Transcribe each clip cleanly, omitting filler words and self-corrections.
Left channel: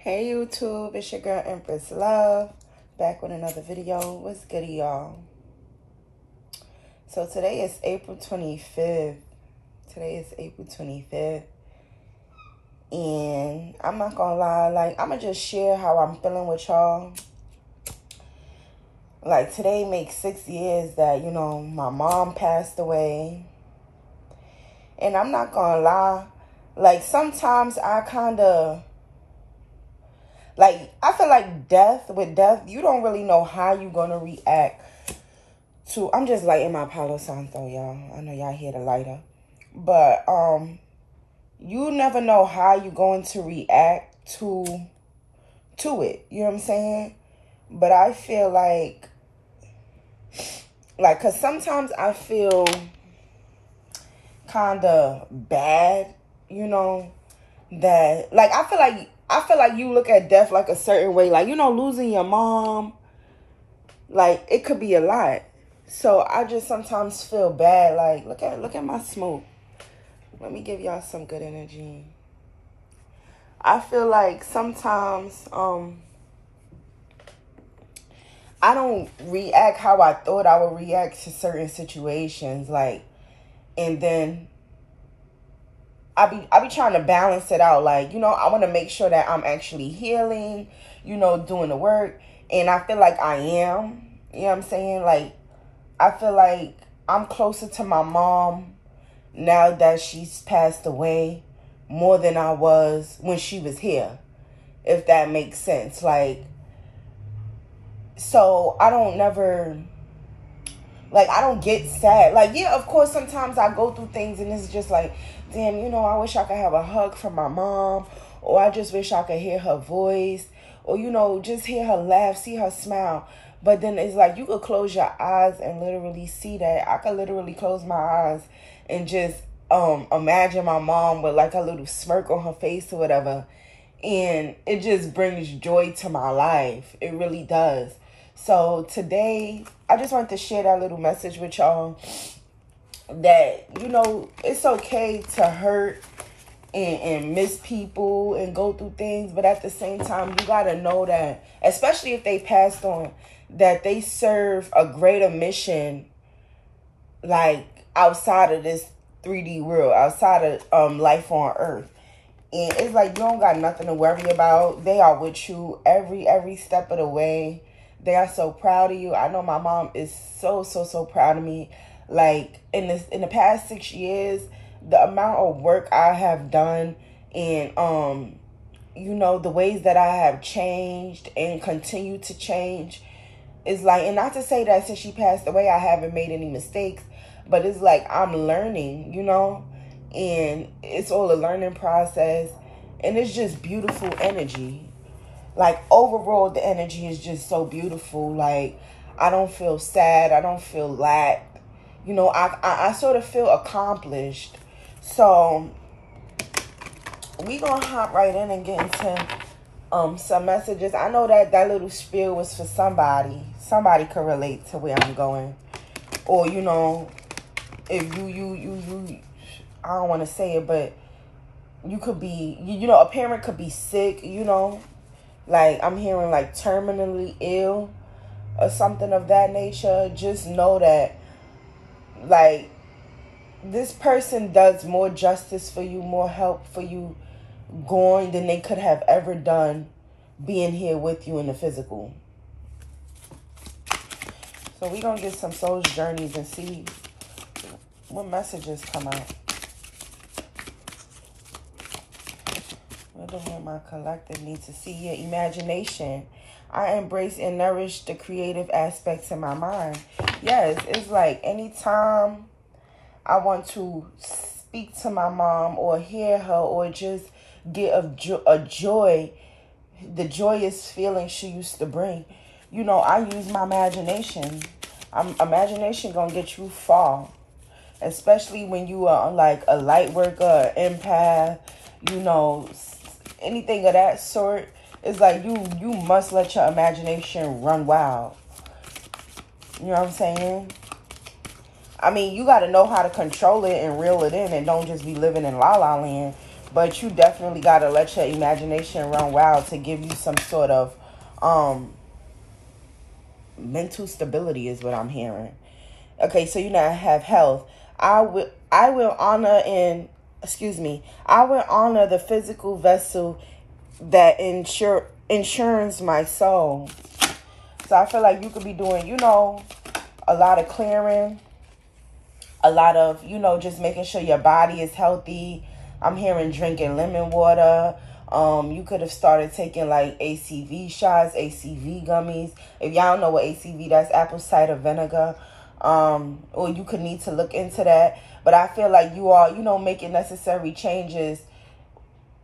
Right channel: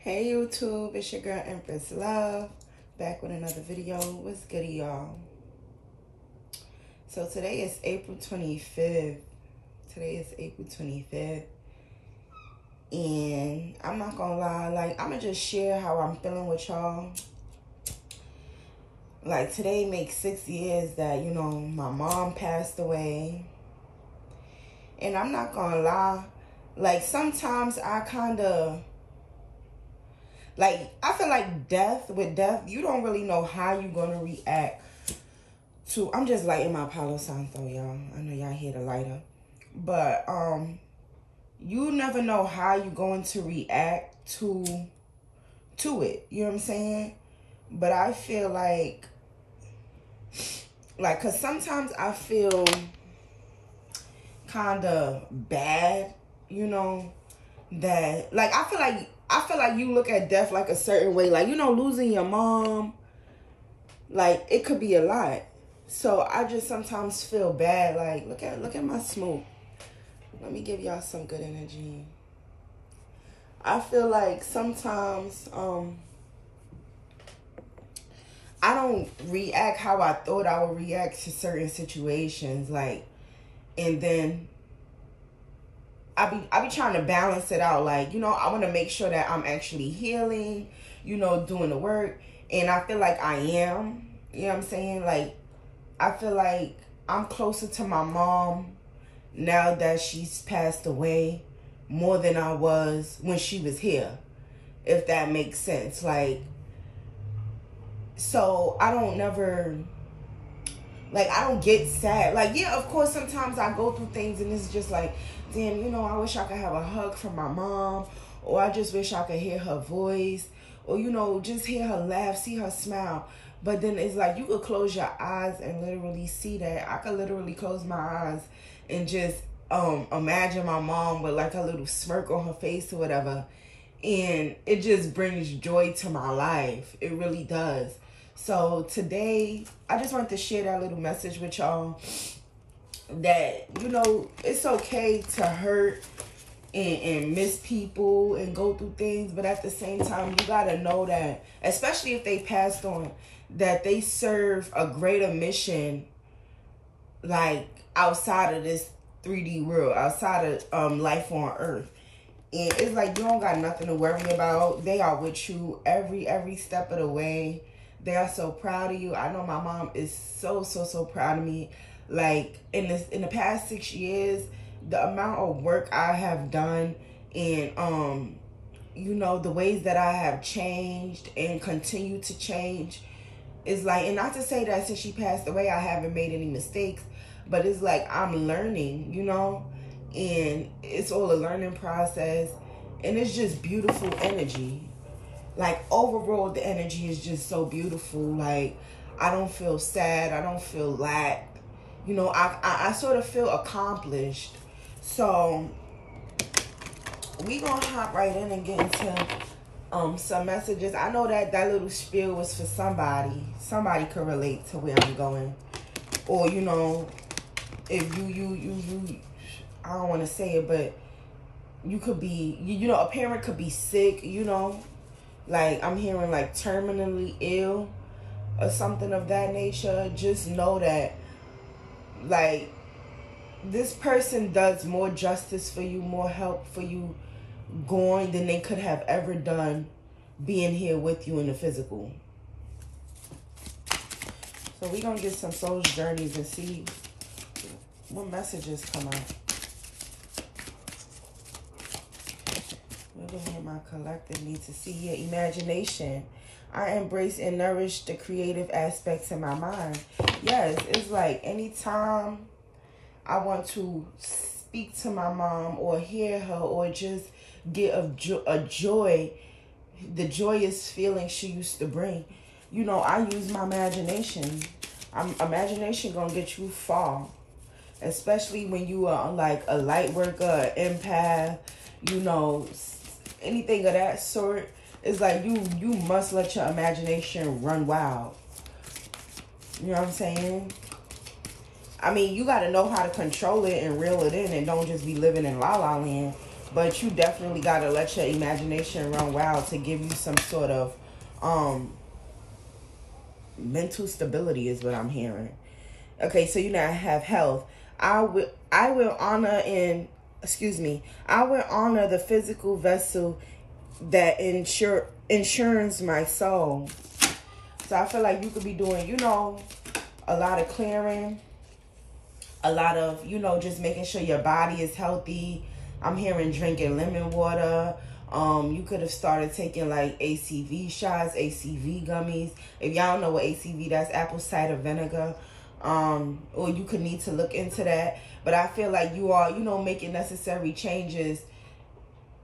Hey YouTube, it's your girl Empress Love, back with another video. What's good, y'all? So today is April 25th. And I'm not gonna lie, like, I'm gonna just share how I'm feeling with y'all. Like, today makes 6 years that, you know, my mom passed away. And I'm not gonna lie, like, sometimes I kind of, like, I feel like with death, you don't really know how you're going to react to, I'm just lighting my Palo Santo, y'all. I know y'all hear the lighter. But, you never know how you're going to react to it. You know what I'm saying? But I feel like, because sometimes I feel kind of bad, you know, that, like, I feel like you look at death like a certain way. Like, you know, losing your mom, like, it could be a lot. So I just sometimes feel bad. Like, look at my smoke. Let me give y'all some good energy. I feel like sometimes I don't react how I thought I would react to certain situations. Like, and then I be trying to balance it out. Like, you know, I want to make sure that I'm actually healing, you know, doing the work. And I feel like I am. You know what I'm saying? Like, I feel like I'm closer to my mom now that she's passed away more than I was when she was here, if that makes sense. Like, so I don't get sad. Like, yeah, of course, sometimes I go through things and it's just like, damn, you know, I wish I could have a hug from my mom, or I just wish I could hear her voice, or, you know, just hear her laugh, see her smile. But then it's like, you could close your eyes and literally see that. I could literally close my eyes and just imagine my mom with like a little smirk on her face or whatever. And it just brings joy to my life. It really does. So today, I just wanted to share that little message with y'all that, you know, it's okay to hurt and miss people and go through things. But at the same time, you got to know that, especially if they passed on, that they serve a greater mission, like, outside of this 3D world, outside of life on Earth. And it's like, you don't got nothing to worry about. They are with you every step of the way. They are so proud of you. I know my mom is so proud of me. Like, in the past 6 years, the amount of work I have done and, you know, the ways that I have changed and continue to change is like, and not to say that since she passed away, I haven't made any mistakes, but it's like I'm learning, you know, and it's all a learning process, and it's just beautiful energy. Like, overall, the energy is just so beautiful. Like, I don't feel sad. I don't feel lacked. You know, I sort of feel accomplished. So, we gonna hop right in and get into some messages. I know that little spiel was for somebody. Somebody could relate to where I'm going. Or, you know, if you I don't want to say it, but you could be, you know, a parent could be sick, you know. Like, I'm hearing, like, terminally ill or something of that nature. Just know that, like, this person does more justice for you, more help for you going than they could have ever done being here with you in the physical. So we're going to get some soul journeys and see what messages come out. What do my collective need to see? Your imagination. I embrace and nourish the creative aspects in my mind. Yes, it's like anytime I want to speak to my mom or hear her or just get a joy, the joyous feeling she used to bring, you know, I use my imagination. Imagination gonna get you far, especially when you are like a light worker, an empath, you know, anything of that sort. It's like you must let your imagination run wild. You know what I'm saying? I mean, you got to know how to control it and reel it in, and don't just be living in la la land. But you definitely got to let your imagination run wild to give you some sort of mental stability is what I'm hearing. Okay, so you now have health. I will honor I will honor the physical vessel that insures my soul. So I feel like you could be doing, a lot of clearing, a lot of, just making sure your body is healthy. I'm hearing drinking lemon water. You could have started taking like ACV shots, ACV gummies. If y'all don't know what ACV, that's apple cider vinegar. Or you could need to look into that. But I feel like you are, making necessary changes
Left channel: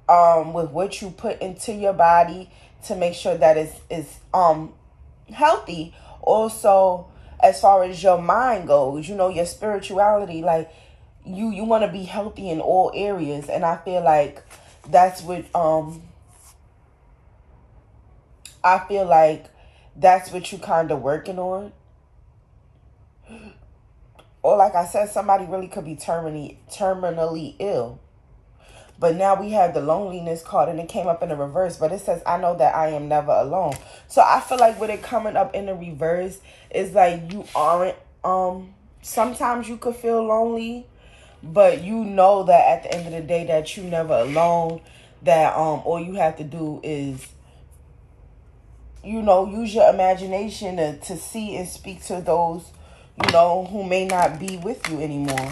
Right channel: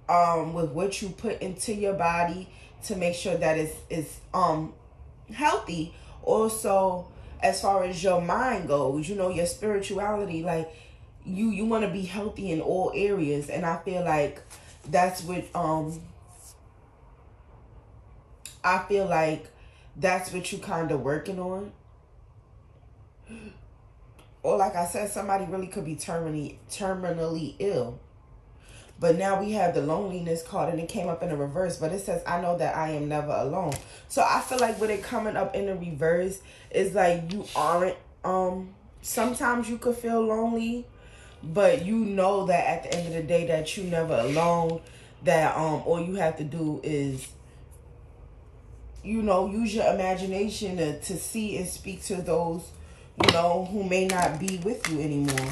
with what you put into your body to make sure that it's healthy. Also, as far as your mind goes, your spirituality, like you want to be healthy in all areas. And I feel like that's what you kind of working on. Or like I said, somebody really could be terminally ill. But now we have the loneliness card, and it came up in the reverse. But it says, I know that I am never alone. So I feel like with it coming up in the reverse, it's like you aren't, sometimes you could feel lonely, but you know that at the end of the day that you're never alone, that all you have to do is, use your imagination to see and speak to those, who may not be with you anymore.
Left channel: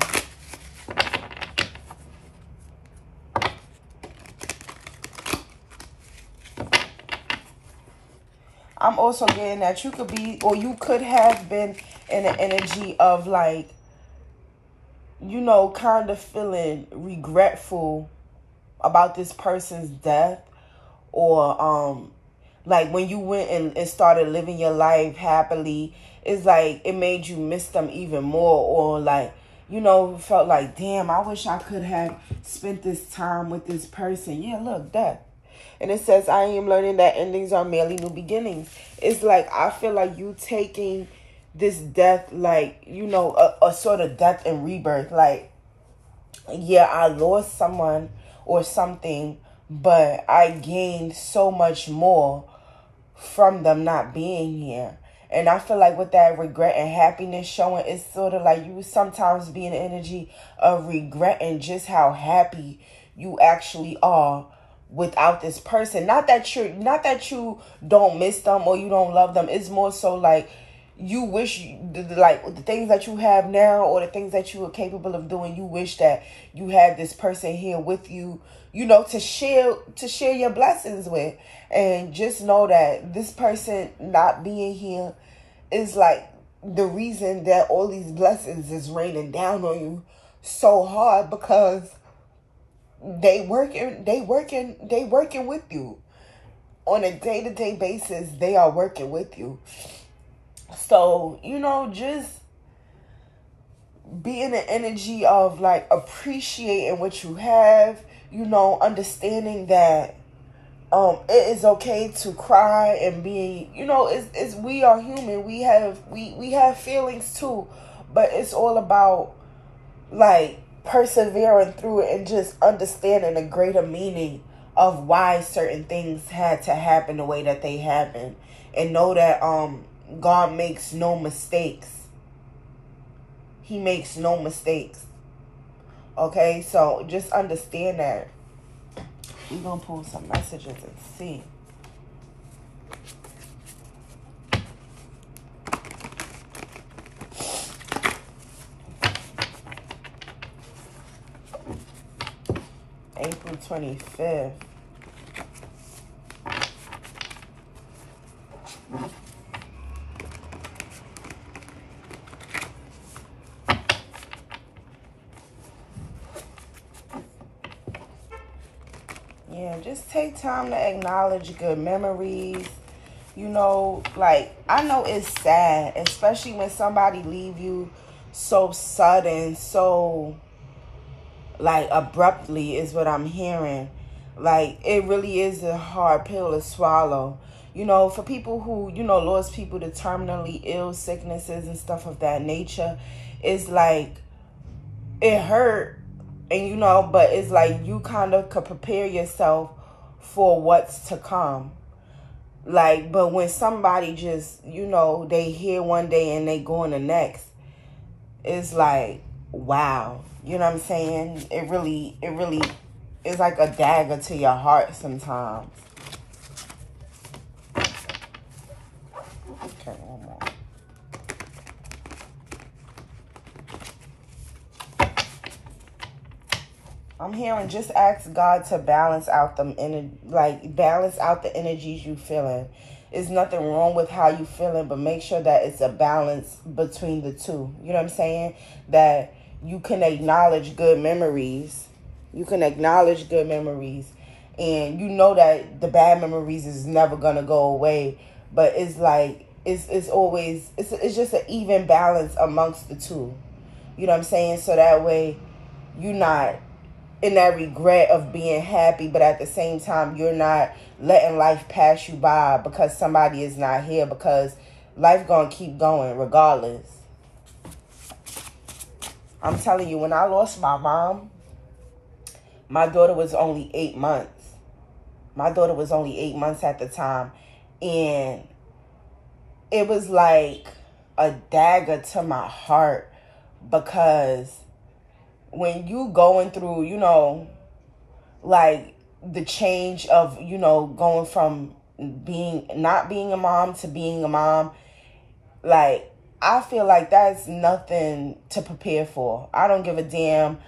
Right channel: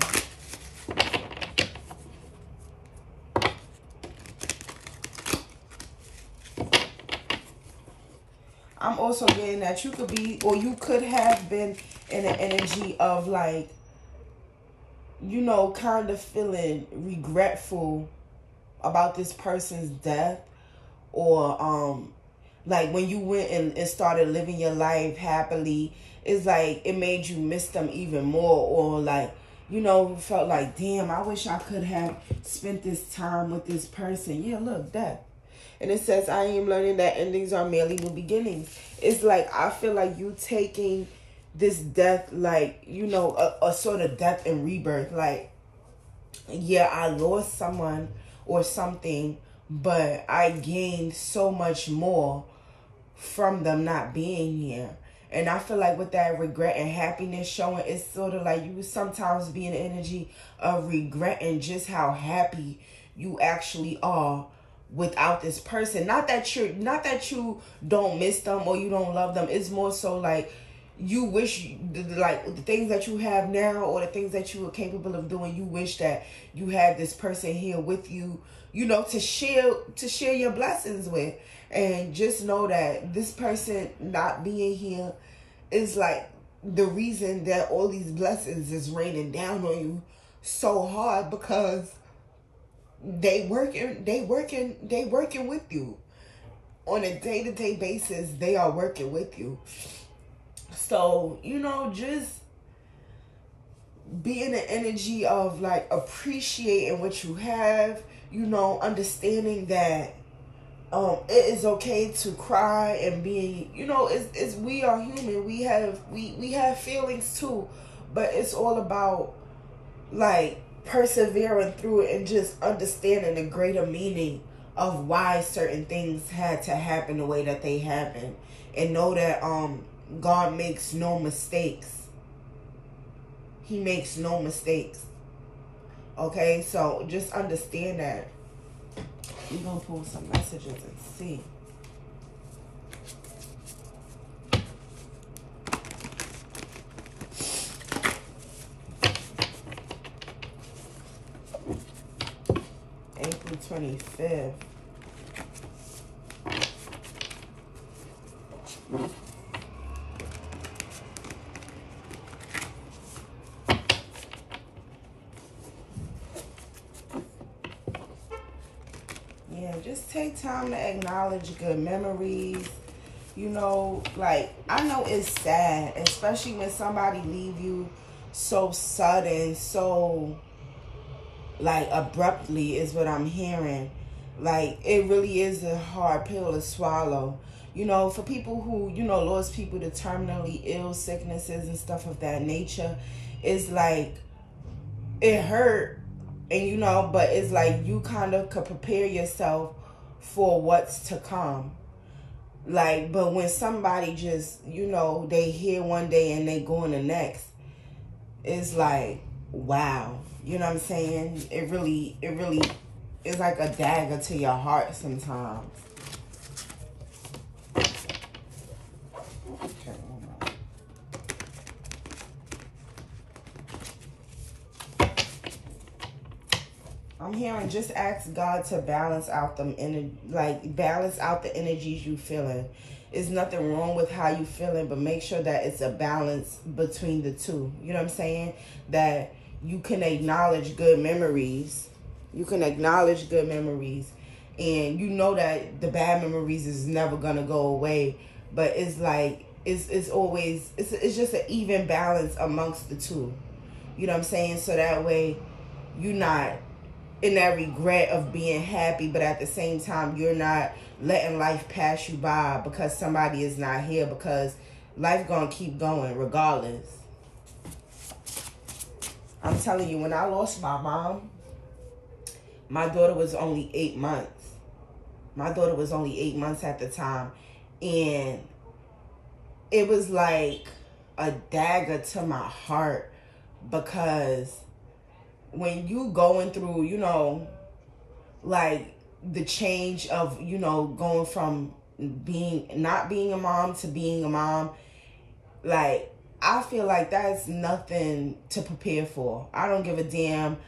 I'm also getting that you could be, or you could have been in an energy of like, kind of feeling regretful about this person's death, or like when you went and started living your life happily, it's like it made you miss them even more, or like, felt like, damn, I wish I could have spent this time with this person. Yeah, look, death. And it says, I am learning that endings are merely new beginnings. It's like, I feel like you taking this death, like, a sort of death and rebirth. Like, yeah, I lost someone or something, but I gained so much more from them not being here. And I feel like with that regret and happiness showing, it's sort of like you sometimes be in the energy of regretting just how happy you actually are without this person. Not that you don't miss them or you don't love them. It's more so like you wish, like the things that you have now or the things that you are capable of doing, you wish that you had this person here with you, to share your blessings with. And just know that this person not being here is like the reason that all these blessings is raining down on you so hard, because they working with you on a day-to-day basis. They are working with you. So, just be in the energy of like appreciating what you have, understanding that it is okay to cry and be, it's we are human. We have feelings too, but it's all about like persevering through it and just understanding the greater meaning of why certain things had to happen the way that they happened, and know that God makes no mistakes. He makes no mistakes. Okay, so just understand that. We're going to pull some messages and see. April 25th. Yeah, just take time to acknowledge good memories. Like, I know it's sad, especially when somebody leave you so sudden, so like abruptly is what I'm hearing. Like, it really is a hard pill to swallow. For people who, lost people to terminally ill sicknesses and stuff of that nature, it's like, it hurt, And, you know, but it's like you kind of could prepare yourself for what's to come. Like, but when somebody just, you know, they here one day and they go in the next, it's like, wow. You know what I'm saying? It really is like a dagger to your heart sometimes. Okay, one more. I'm hearing just ask God to balance out them balance out the energies you feeling. There's nothing wrong with how you feeling, but make sure that it's a balance between the two. You know what I'm saying? That you can acknowledge good memories. You can acknowledge good memories. And you know that the bad memories is never going to go away. But it's like, it's always, it's just an even balance amongst the two. You know what I'm saying? So that way you're not in that regret of being happy, but at the same time, you're not letting life pass you by because somebody is not here, because life gonna keep going regardless. I'm telling you, when I lost my mom, my daughter was only 8 months. My daughter was only 8 months at the time. And it was like a dagger to my heart, because when you going through, you know, like the change of, you know, going from not being a mom to being a mom, like, I feel like that's nothing to prepare for. I don't give a damn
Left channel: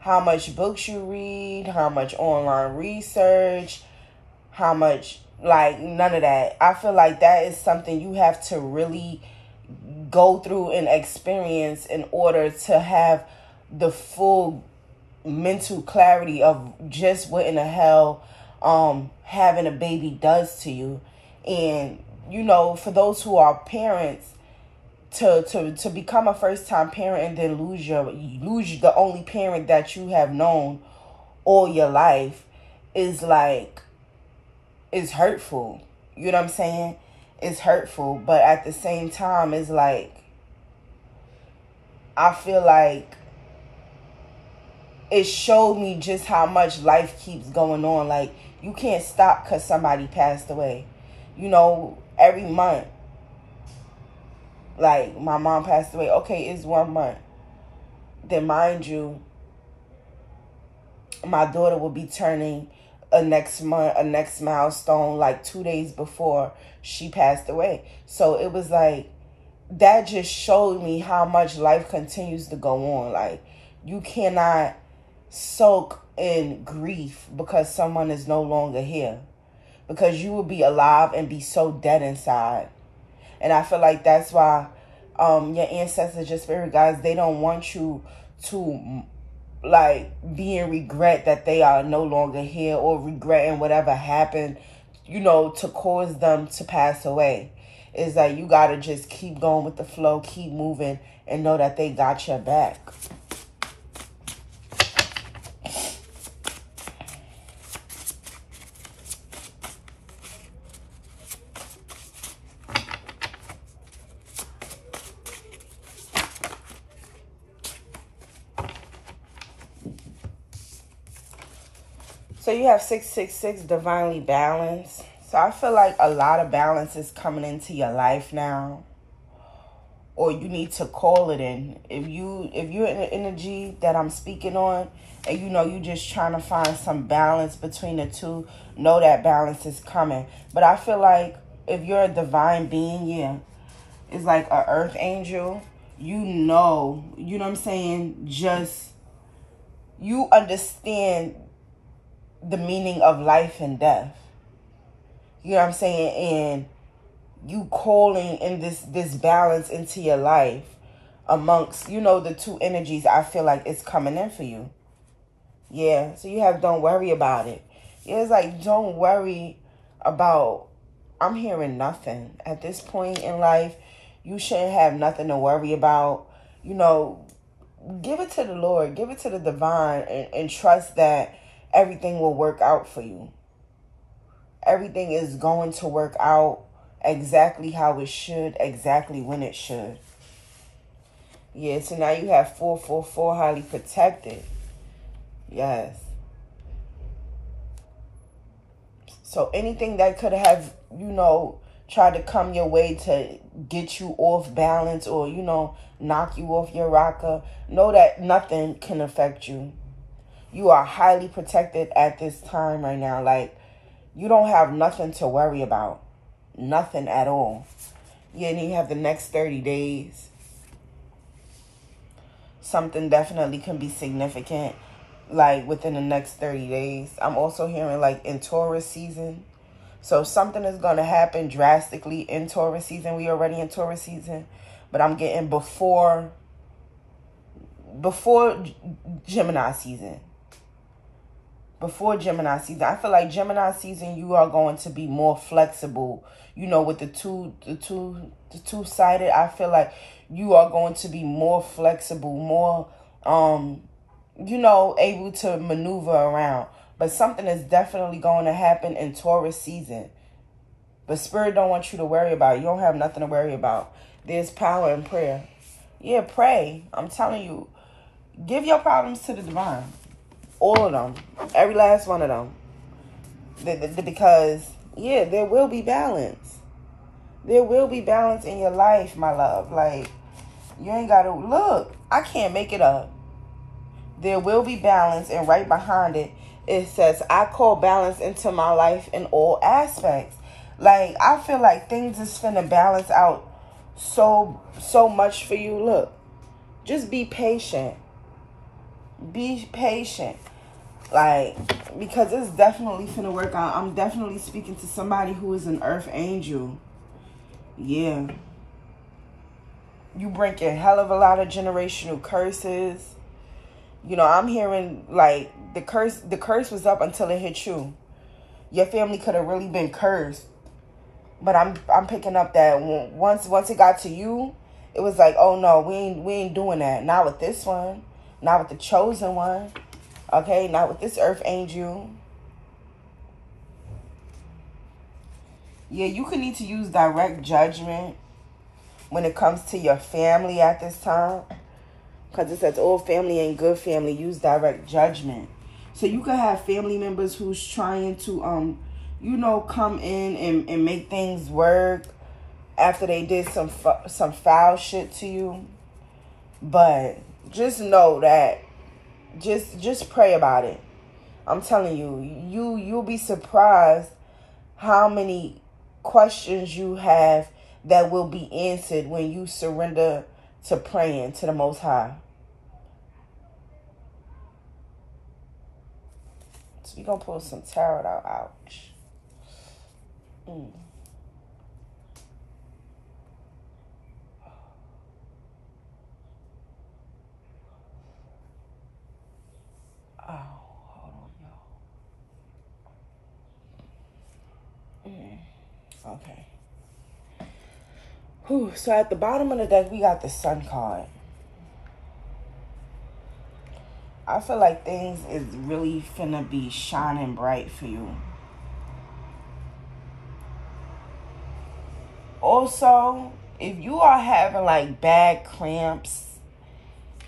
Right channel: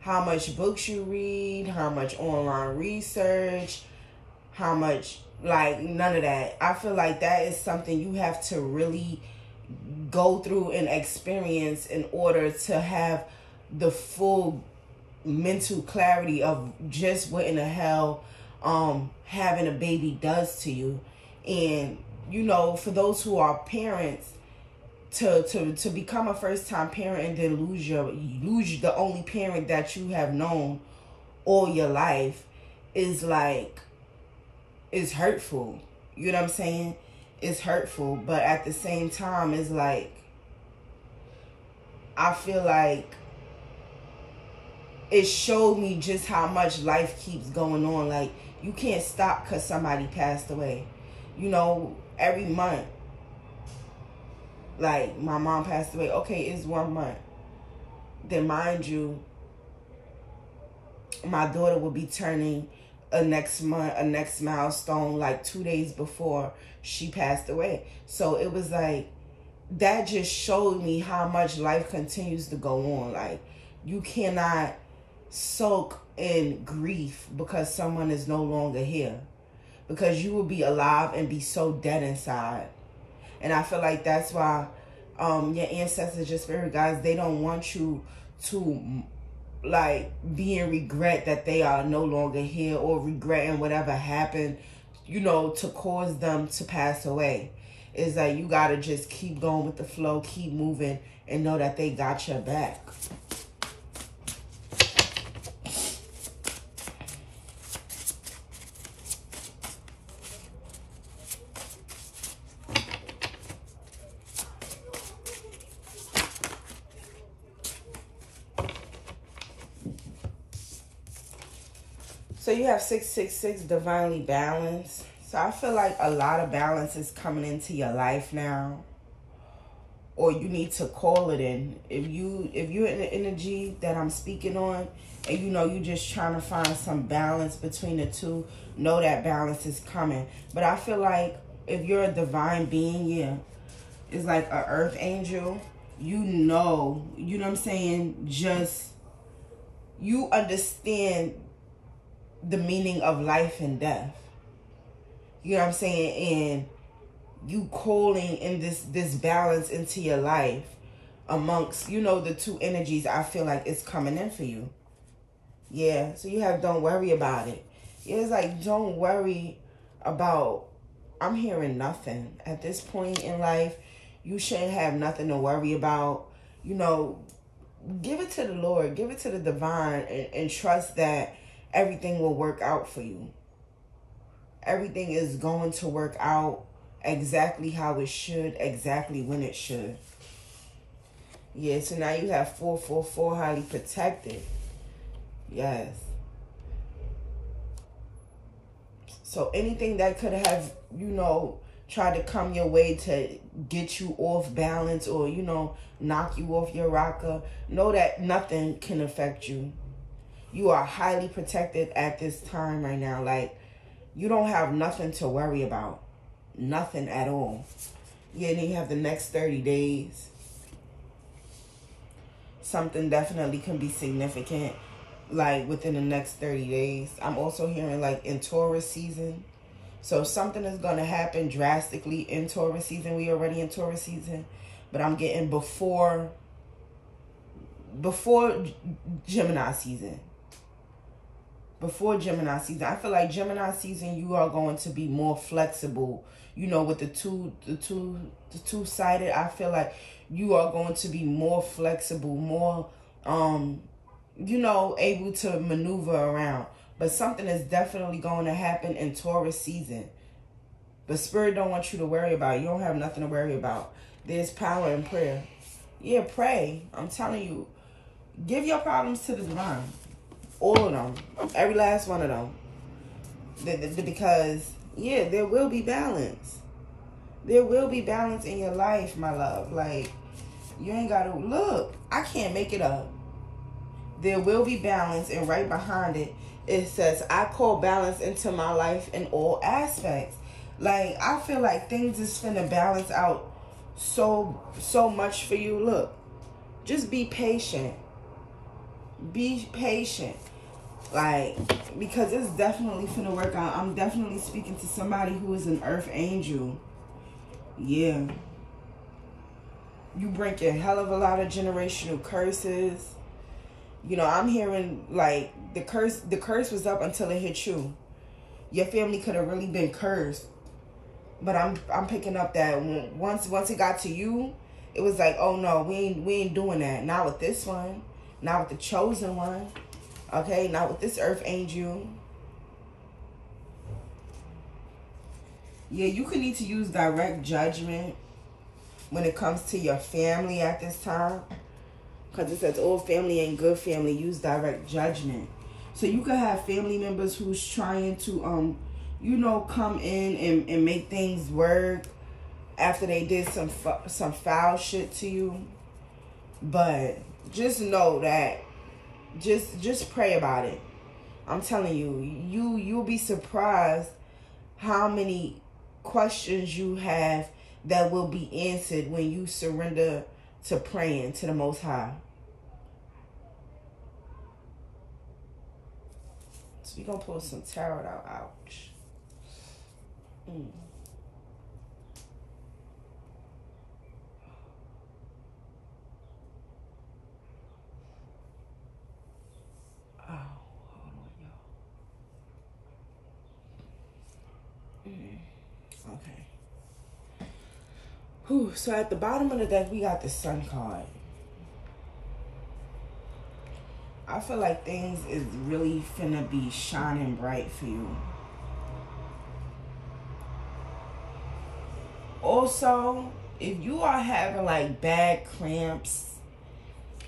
how much books you read, how much online research, how much, like, none of that. I feel like that is something you have to really go through and experience in order to have the full mental clarity of just what in the hell having a baby does to you. And, you know, for those who are parents, to become a first-time parent and then lose the only parent that you have known all your life is like, it's hurtful. You know what I'm saying? It's hurtful, but at the same time, it's like, I feel like it showed me just how much life keeps going on. Like, you can't stop because somebody passed away. You know, every month, like, my mom passed away. Okay, it's 1 month. Then, mind you, my daughter will be turning a next milestone, like 2 days before she passed away. So it was like, that just showed me how much life continues to go on. Like, you cannot soak in grief because someone is no longer here, because you will be alive and be so dead inside. And I feel like that's why your ancestors, your spirit guides, they don't want you to like be in regret that they are no longer here, or regretting whatever happened, you know, to cause them to pass away. It's like, you got to just keep going with the flow, keep moving, and know that they got your back. So you have 666, divinely balanced. So I feel like a lot of balance is coming into your life now, or you need to call it in. If you're in the energy that I'm speaking on, and you know you just trying to find some balance between the two, know that balance is coming. But I feel like if you're a divine being, yeah, it's like an earth angel. You know what I'm saying? Just, you understand the meaning of life and death. You know what I'm saying? And you calling in this balance into your life amongst, you know, the two energies, I feel like it's coming in for you. Yeah, so you have, don't worry about it. Yeah, it's like, don't worry about, I'm hearing nothing. At this point in life, you shouldn't have nothing to worry about. You know, give it to the Lord, give it to the divine, and trust that everything will work out for you. Everything is going to work out exactly how it should, exactly when it should. Yeah, so now you have 444, highly protected. Yes. So anything that could have, tried to come your way to get you off balance or, knock you off your rocker, know that nothing can affect you. You are highly protected at this time right now. Like, you don't have nothing to worry about. Nothing at all. Yeah, and you have the next 30 days. Something definitely can be significant, like, within the next 30 days. I'm also hearing, like, in Taurus season. So something is going to happen drastically in Taurus season. We already in Taurus season. But I'm getting before Gemini season. Before Gemini season. I feel like Gemini season, you are going to be more flexible. With the two-sided, I feel like you are going to be more flexible, more, able to maneuver around. But something is definitely going to happen in Taurus season. But Spirit don't want you to worry about it. You don't have nothing to worry about. There's power in prayer. Yeah, pray. I'm telling you. Give your problems to the divine. All of them. Every last one of them. Because, yeah, there will be balance. There will be balance in your life, my love. Like, you ain't got to... Look, I can't make it up. There will be balance. And right behind it, it says, I call balance into my life in all aspects. Like, I feel like things is finna balance out so much for you. Look, just be patient. Be patient. Like, because it's definitely finna work out. I'm definitely speaking to somebody who is an earth angel. Yeah. You breaking a hell of a lot of generational curses. I'm hearing, like, the curse was up until it hit you. Your family could have really been cursed. But I'm picking up that once it got to you, it was like, oh no, we ain't doing that. Not with this one. Not with the chosen one. Okay, not with this earth angel. Yeah, you could need to use direct judgment when it comes to your family at this time. Because it says, oh, family ain't good family. Use direct judgment. So you could have family members who's trying to, come in and make things work after they did some foul shit to you. But just know that, just pray about it. I'm telling you, you'll be surprised how many questions you have that will be answered when you surrender to praying to the Most High. So we're going to pull some tarot out. Ouch. Oh, hold on, y'all. Okay. Whew. So at the bottom of the deck, we got the Sun card. I feel like things is really finna be shining bright for you. Also, if you are having like bad cramps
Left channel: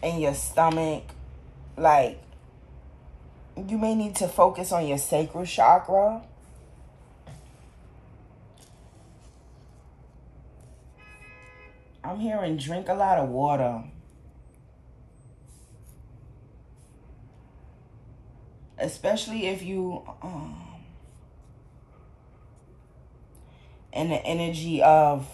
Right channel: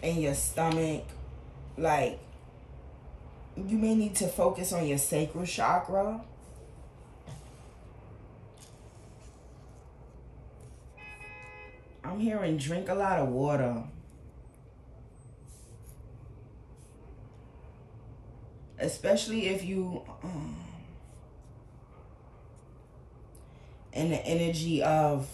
in your stomach, like, you may need to focus on your sacral chakra. I'm hearing drink a lot of water. Especially if you in the energy of,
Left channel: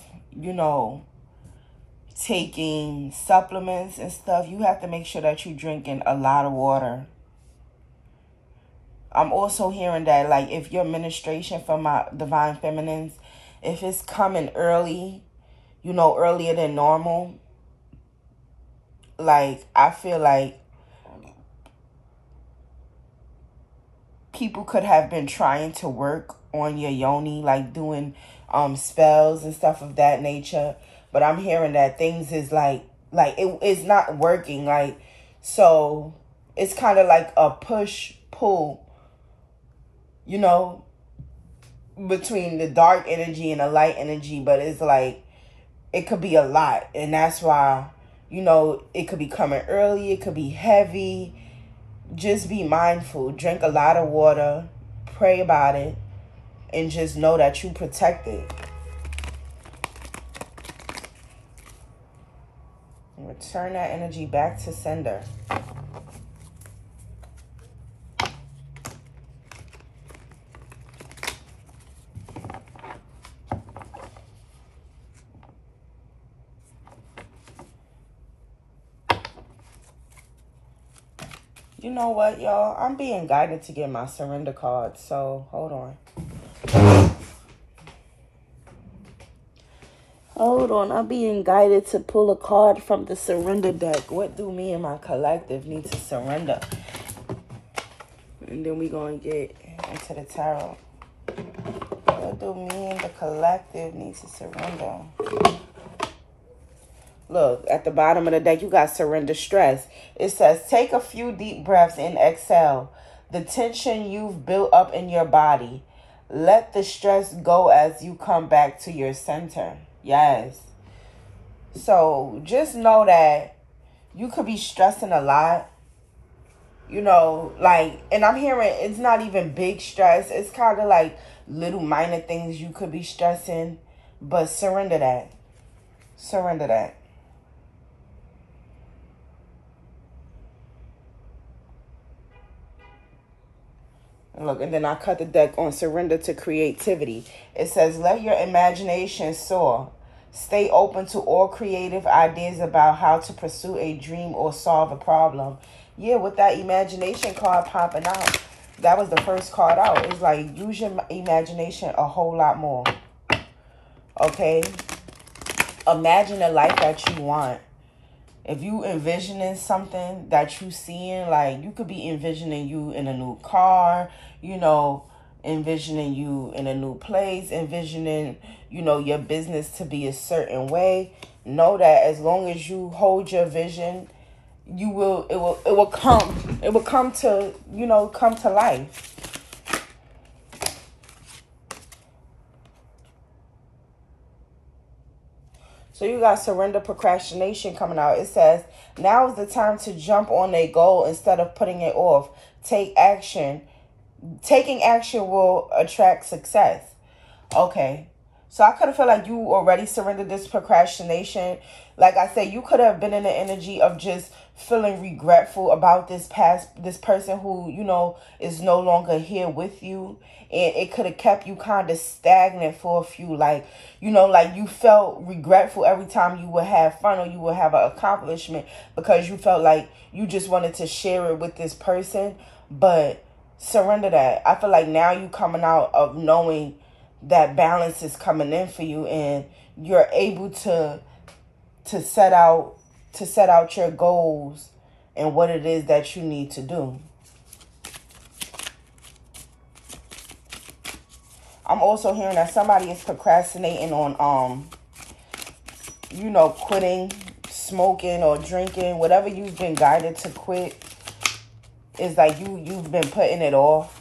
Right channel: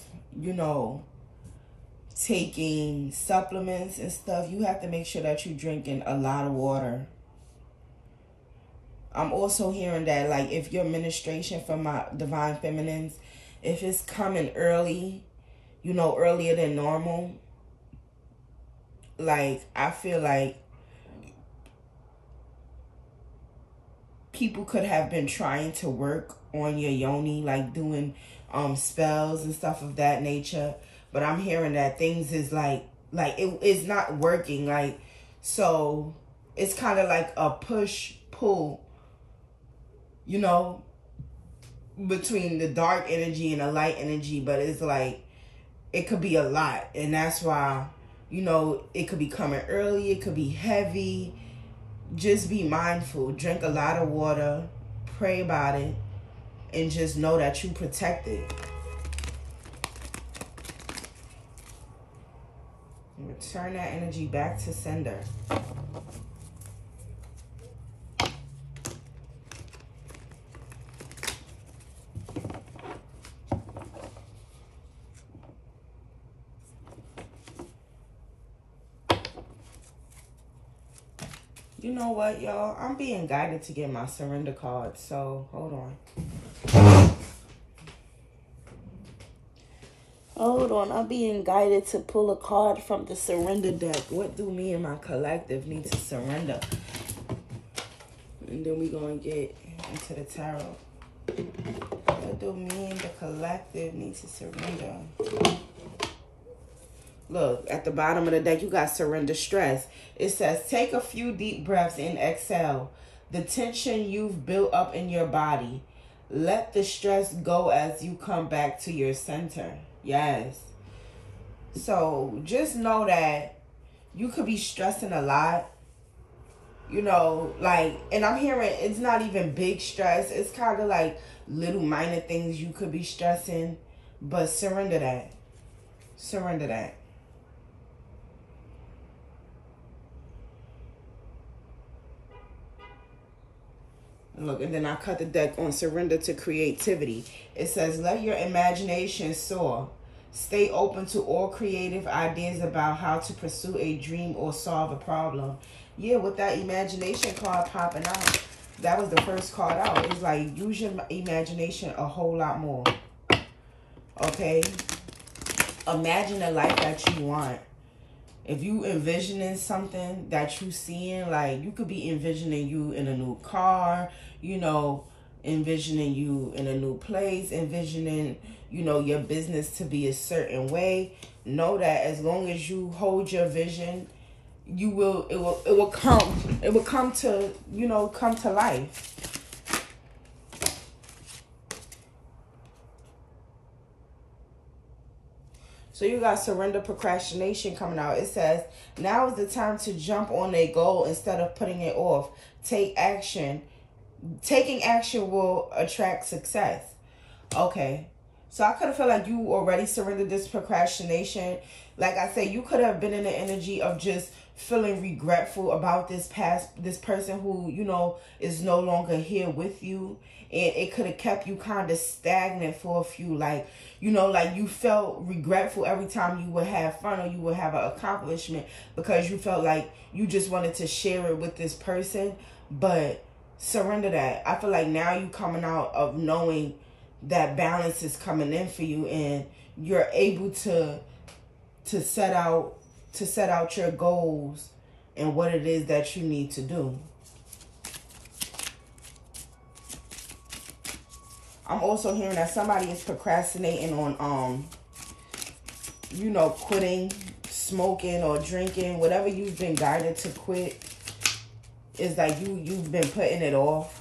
taking supplements and stuff, you have to make sure that you're drinking a lot of water. I'm also hearing that, like, if your menstruation from my divine feminines, if it's coming early, earlier than normal, like, I feel like people could have been trying to work on your yoni, like doing spells and stuff of that nature. But I'm hearing that things is like it is not working. Like, so it's kind of like a push-pull, between the dark energy and the light energy. But it's like, it could be a lot. And that's why, it could be coming early. It could be heavy. just be mindful. Drink a lot of water. Pray about it. And just know that you protected. And return that energy back to sender. You know what, y'all? I'm being guided to get my surrender card. So, hold on. Hold on. I'm being guided to pull a card from the surrender deck. What do me and my collective need to surrender? And then we're going to get into the tarot. What do me and the collective need to surrender? Look, at the bottom of the deck, you got surrender stress. It says, take a few deep breaths and exhale the tension you've built up in your body. Let the stress go as you come back to your center. Yes. So just know that you could be stressing a lot. You know, like, and I'm hearing it's not even big stress. It's kind of like little minor things you could be stressing. But surrender that. Surrender that. Look, and then I cut the deck on surrender to creativity. It says, let your imagination soar. Stay open to all creative ideas about how to pursue a dream or solve a problem. Yeah, with that imagination card popping out, that was the first card out. It's like, use your imagination a whole lot more. Okay? Imagine the life that you want. If you envisioning something that you seeing, like you could be envisioning you in a new car, you know, envisioning you in a new place, envisioning, you know, your business to be a certain way. Know that as long as you hold your vision, it will come to, you know, come to life. So you got surrender procrastination coming out. It says, now is the time to jump on a goal instead of putting it off. Take action. Taking action will attract success. Okay. So I could have felt like you already surrendered this procrastination. Like I said, you could have been in the energy of just feeling regretful about this person who, you know, is no longer here with you. And it could have kept you kind of stagnant for a few, like, you know, like you felt regretful every time you would have fun or you would have an accomplishment because you felt like you just wanted to share it with this person. But surrender that. I feel like now you coming out of knowing that balance is coming in for you and you're able to set out your goals and what it is that you need to do. I'm also hearing that somebody is procrastinating on, you know, quitting, smoking or drinking, whatever you've been guided to quit. It's like you've been putting it off.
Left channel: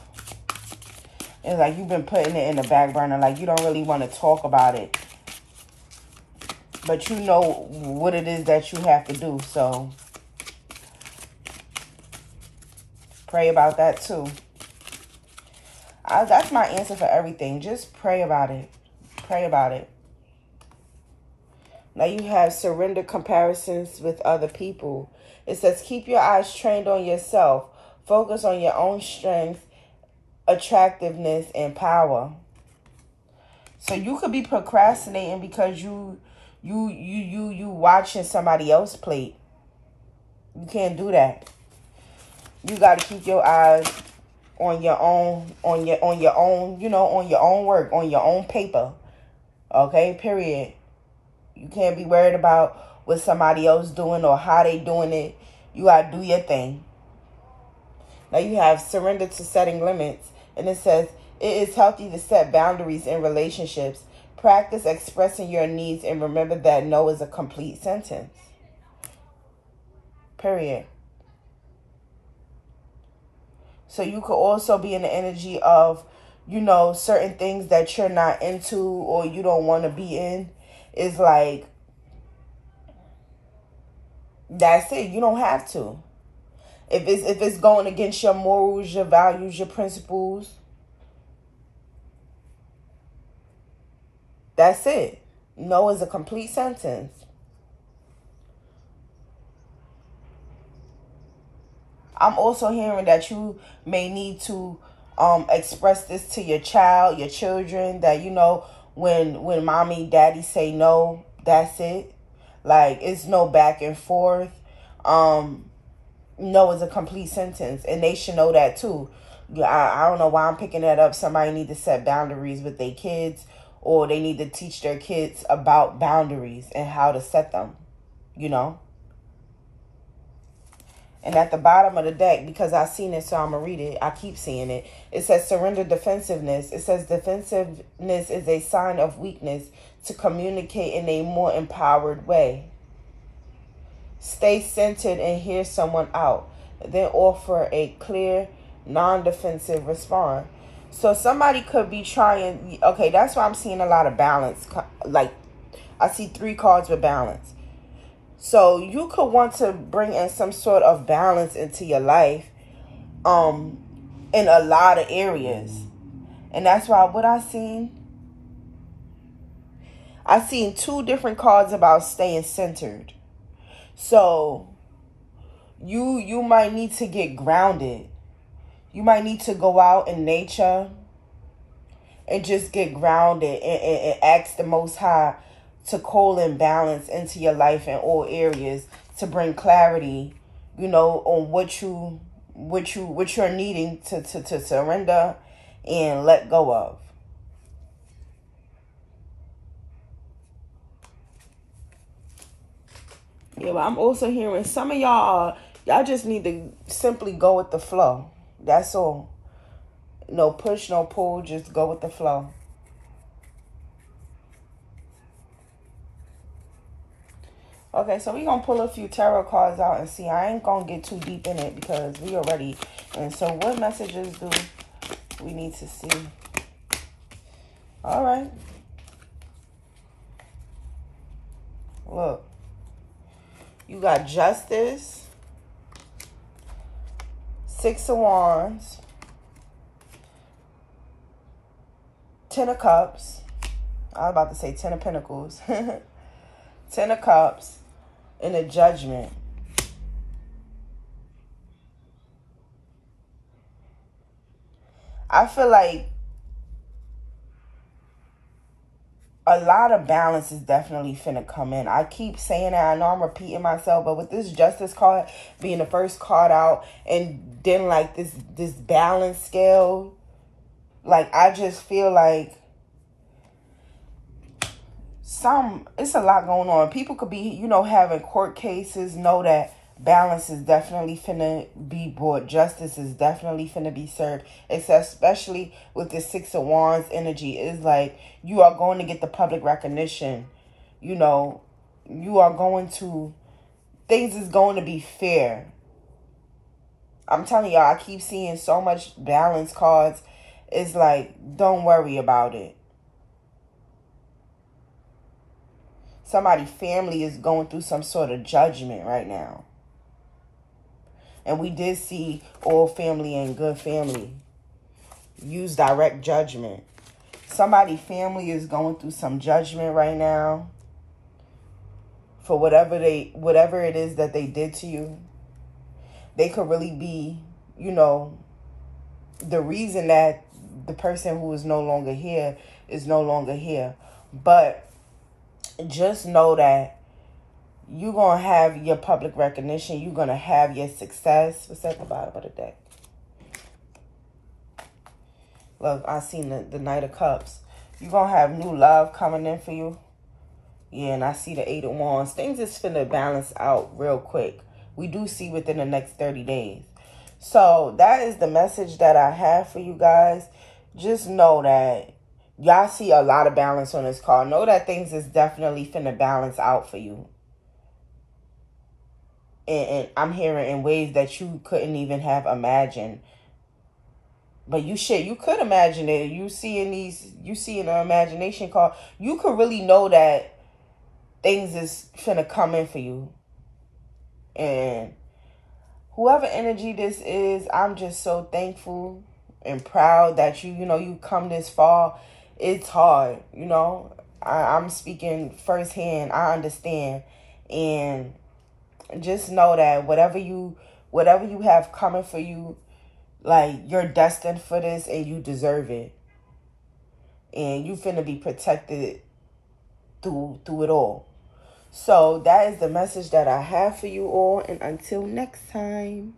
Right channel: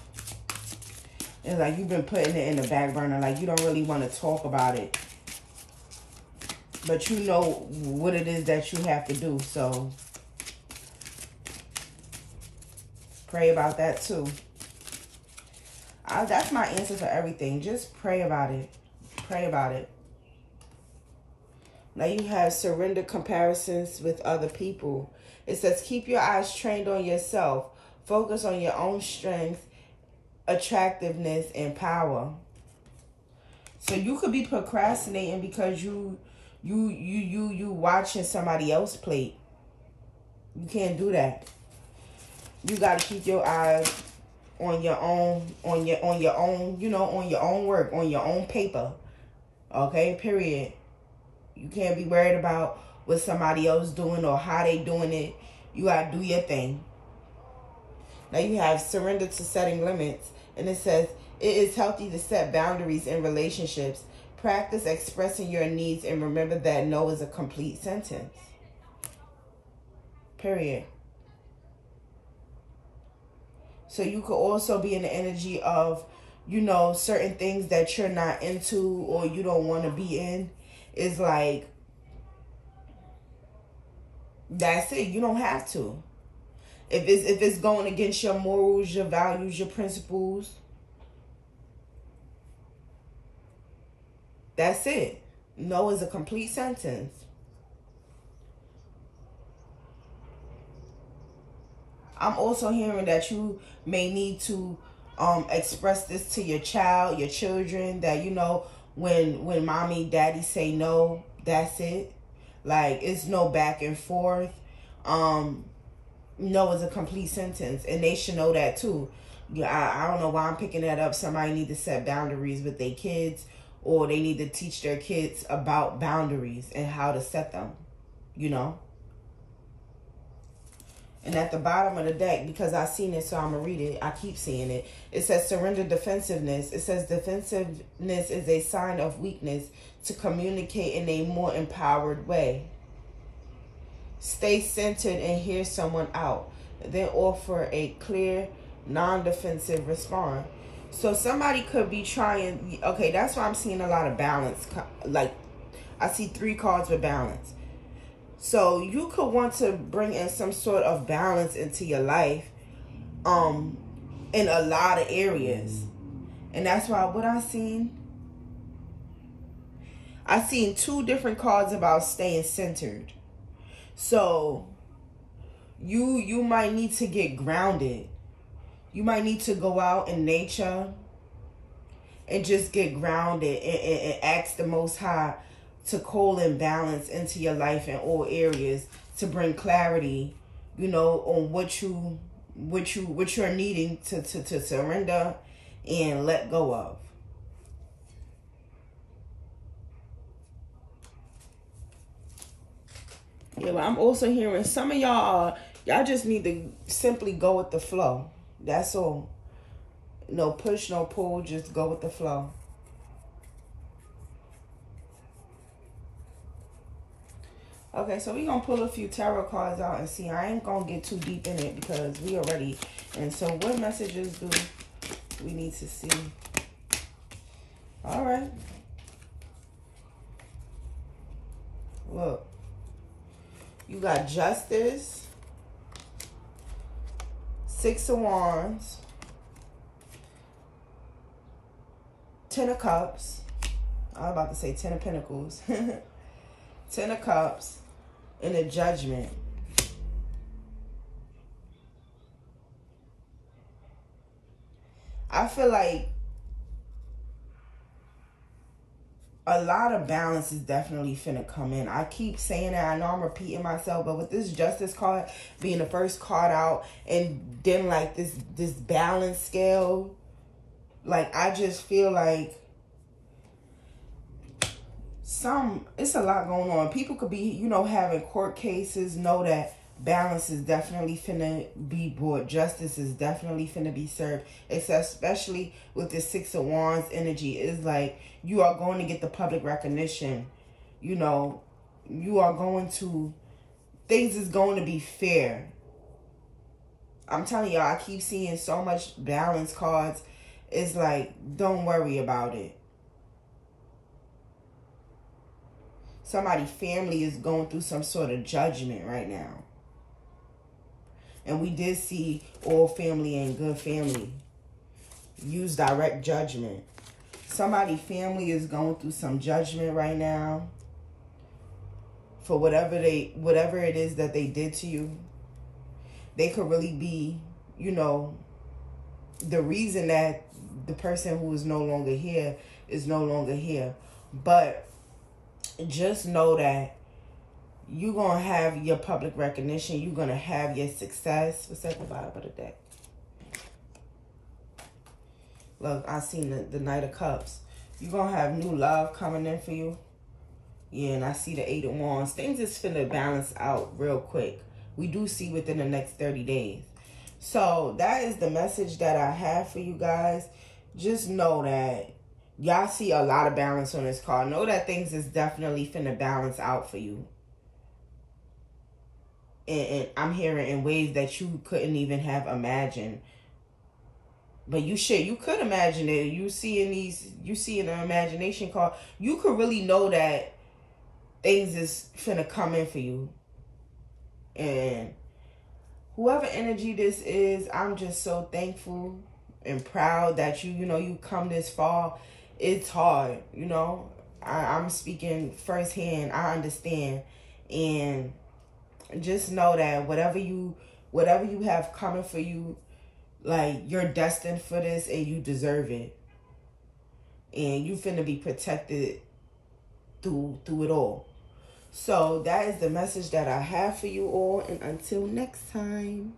It's like you've been putting it in the back burner. Like you don't really want to talk about it. But you know what it is that you have to do. So pray about that too. That's my answer for everything. Just pray about it. Pray about it. Now you have surrender comparisons with other people. It says, keep your eyes trained on yourself. Focus on your own strength, attractiveness, and power. So you could be procrastinating because you watching somebody else plate. You can't do that. You got to keep your eyes on your own, you know, on your own work, on your own paper. Okay, period. You can't be worried about what somebody else doing or how they doing it. You got to do your thing. Now you have surrender to setting limits. And it says, it is healthy to set boundaries in relationships. Practice expressing your needs and remember that no is a complete sentence. Period. So you could also be in the energy of, you know, certain things that you're not into or you don't want to be in. It's like, that's it. You don't have to. If it's going against your morals, your values, your principles, that's it. No is a complete sentence. I'm also hearing that you may need to express this to your child, your children, that, you know, when mommy, daddy say no, that's it. Like, it's no back and forth. No is a complete sentence, and they should know that too. I don't know why I'm picking that up. Somebody need to set boundaries with their kids, or they need to teach their kids about boundaries and how to set them, you know. And at the bottom of the deck, because I've seen it, so I'm going to read it. I keep seeing it. It says surrender defensiveness. It says defensiveness is a sign of weakness to communicate in a more empowered way. Stay centered and hear someone out. Then offer a clear, non-defensive response. So somebody could be trying. Okay, that's why I'm seeing a lot of balance. Like, I see 3 cards with balance. So you could want to bring in some sort of balance into your life in a lot of areas. And that's why what I seen 2 different cards about staying centered. So you might need to get grounded. You might need to go out in nature and just get grounded and ask the Most High to call in balance into your life in all areas, to bring clarity, you know, on what you're needing to surrender and let go of. Yeah, but I'm also hearing some of y'all just need to simply go with the flow. That's all. No push, no pull, just go with the flow. Okay, so we're going to pull a few tarot cards out and see. I ain't going to get too deep in it because we already... And so what messages do we need to see? All right. Look. You got Justice, 6 of Wands, 10 of Cups. I was about to say 10 of Pentacles. 10 of Cups and a Judgment. I feel like a lot of balance is definitely finna come in. I keep saying that. I know I'm repeating myself, but with this Justice card being the first card out, and then like this balance scale, like I just feel like it's a lot going on. People could be, you know, having court cases. Know that balance is definitely finna be brought. Justice is definitely finna be served. It's especially with the 6 of Wands energy. It's like you are going to get the public recognition. You know, you are going to, things is going to be fair. I'm telling y'all, I keep seeing so much balance cards. It's like, don't worry about it. Somebody's family is going through some sort of judgment right now. And we did see all family and good family use direct judgment. Somebody's family is going through some judgment right now for whatever it is that they did to you. They could really be, you know, the reason that the person who is no longer here is no longer here. But just know that you're going to have your public recognition. You're going to have your success. What's at the bottom of the deck? Look, I seen the Knight of Cups. You're going to have new love coming in for you. Yeah, and I see the 8 of Wands. Things is finna balance out real quick. We do see within the next 30 days. So that is the message that I have for you guys. Just know that y'all see a lot of balance on this card. Know that things is definitely finna balance out for you. And I'm hearing in ways that you couldn't even have imagined. But you could imagine it. You see in the imagination card, you could really know that things is finna come in for you. And whoever energy this is, I'm just so thankful and proud that you come this far. It's hard, I'm speaking firsthand. I understand. And just know that whatever you have coming for you, like, you're destined for this and you deserve it. And you finna be protected through it all. So that is the message that I have for you all. And until next time.